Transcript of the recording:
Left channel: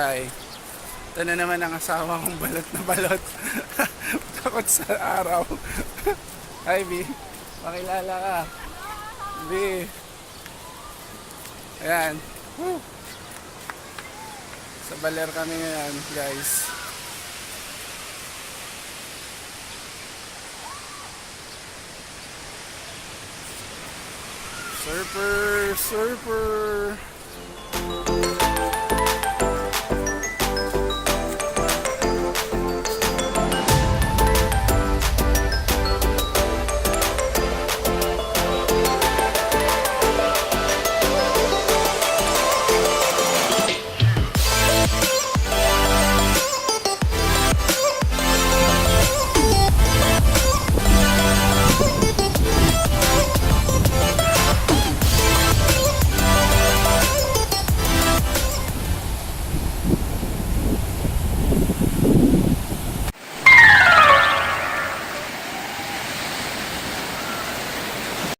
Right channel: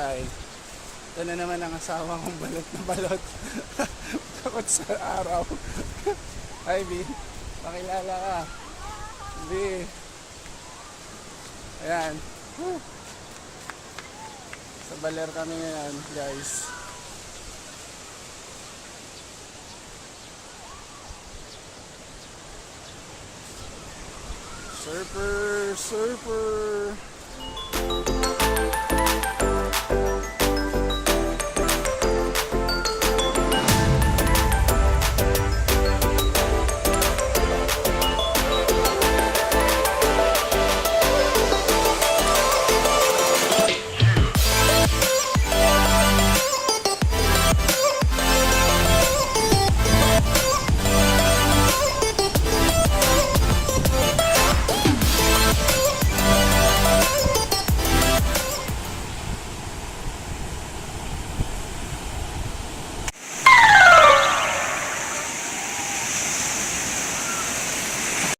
Hi. Ito na naman ang asawa kong balot na balot. Takot sa araw. Hi, B. Pakilala ka. B. Ayan. Woo. Sa Baler kami ngayon, guys. Surfer, surfer.